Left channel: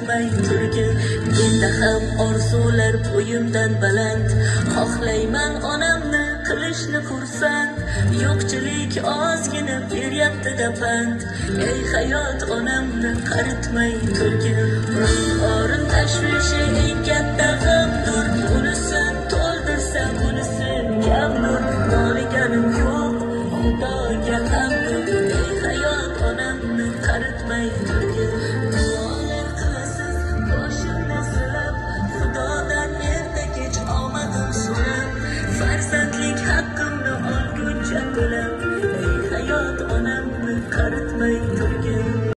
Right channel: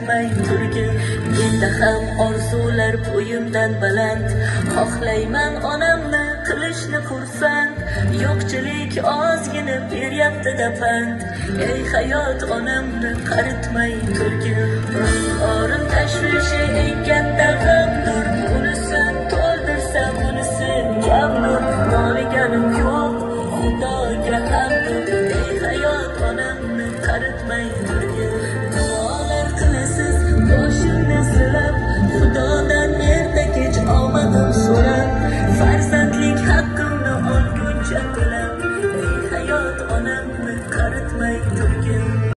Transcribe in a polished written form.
qaritmay turgin. Bundaqal orzular bo'yimdan baland. Xohlayman onamni qilishni xursand. Yo'qchilik ozgina beryapti dapand. Ey hayot onamni qaritmay turgin.